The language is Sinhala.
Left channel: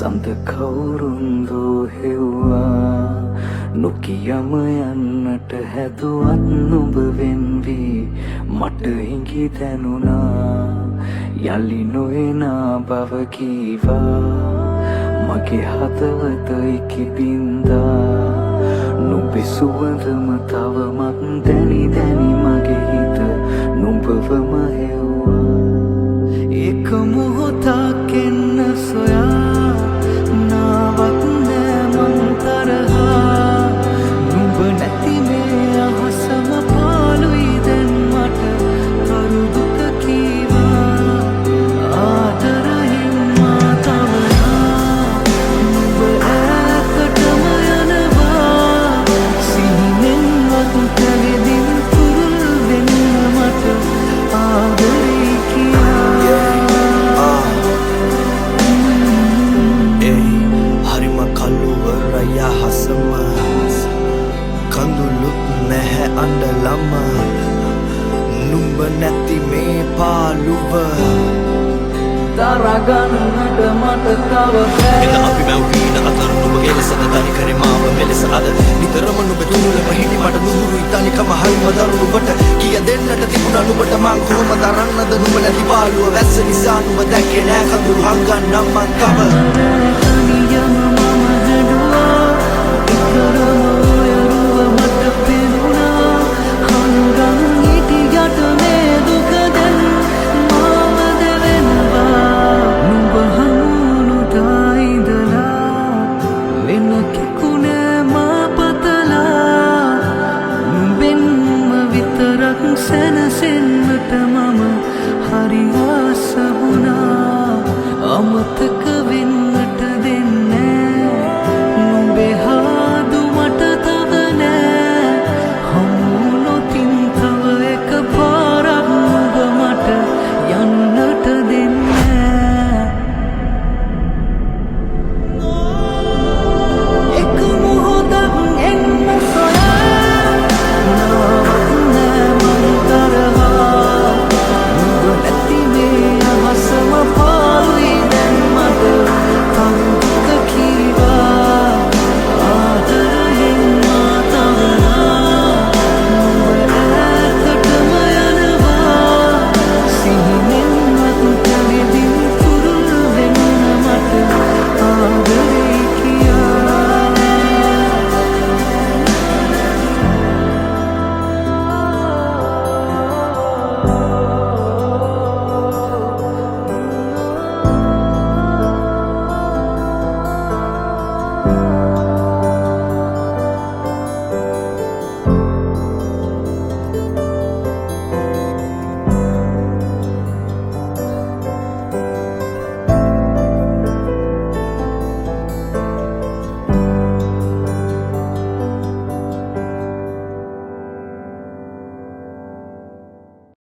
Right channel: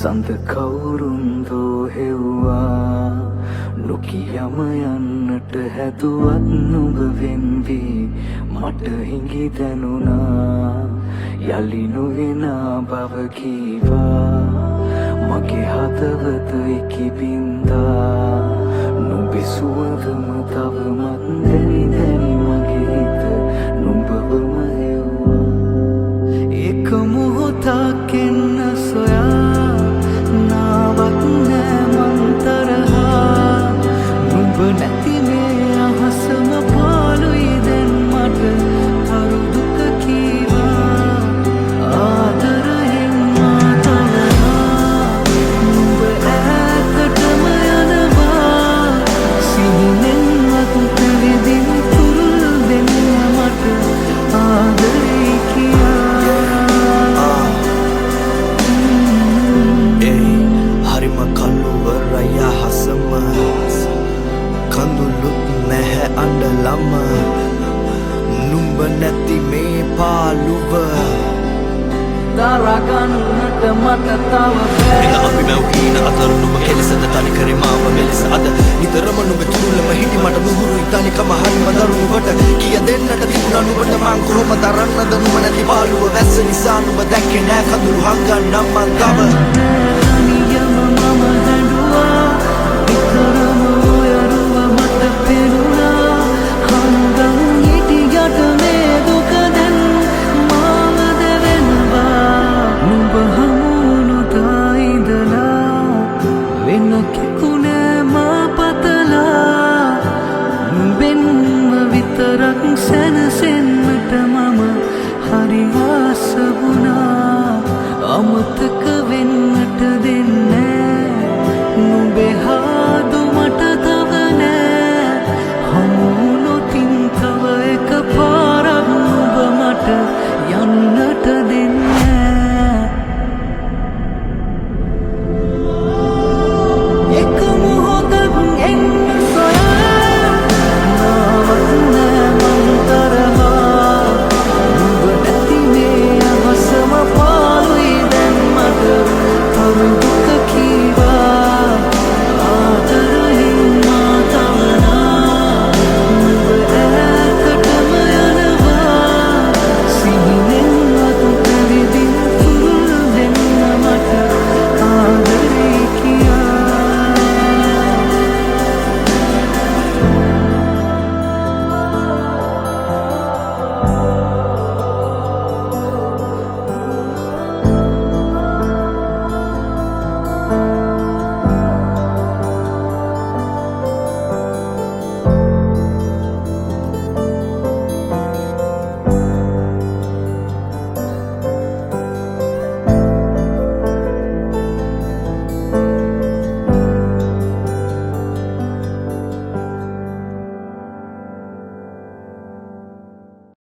සඳ කවුරුන්දෝ හෙව්වා නොකියම යන්නට හැදුවත් නුඹ වෙන්වී මට හිඟි දැනුණා යලි නොඑනා බව කීවා මගේ හදවත ඉකිබින්දා නුඹේ සුවඳම තවමත් දැනි දැනි මගේ හිත නුඹවම හෙව්වා එක මොහොතක් එන්න සොයා නාවක් නෑ මං තරහා නුඹ නැති මේ අහසම පාළුයි දැන් මට තරු දුක කීවා ආදරයෙන් මා තවරා නුඹ ඈතටම යනවා සිහිනෙන්වත් පැවිදින් තුරුල් වෙන්න මට ආදරේ කියා හරිම කළුවරය හසම කඳුළුත් නැහැ අඬලම නුඹ නැති මේ පාළුව දරගන්නට මට තව බෑ එන අපි මැව්හීන අතර නුඹ කෙලෙසද තනි කරේ මාව මෙලෙස අද නිතරම නුඹ තුරුලම හිටි මට නුහුරුයි තනිකම හරිම දරුණුවට කිය දෙන්නට තිබුණා නුඹට මං කොහොම දරන්නද නුඹ නැති පාළුව වැස්ස නිසා නුඹ දැක්කේ නෑ කඳුළු හංගන්නම් මං තව තනියම මම හැඬුවා නිතරම ඔය රුව මට පෙනුණා හංගන් හිටියට මේ දුක දැන් මාව දැවෙනවා නුඹ හමුණුතා ඉඳලා වෙන කෙකුණෑ මා පතලා නුඹෙන්ම විතරක් සැනසෙන්නට මම හරි ආස වුණා අමතක වෙන්නට දෙන්නේ නුඹේ හාදු මට තව නෑ හමු නොතින් තව එක පාරක් නුඹ මට යන්නට දෙන්නේ එක මොහොතක් එන්න සොයා නාවක් නෑ මං තරහා නුඹ නැති මේ අහසම පාළුයි දැන් මට තරු දුක කීවා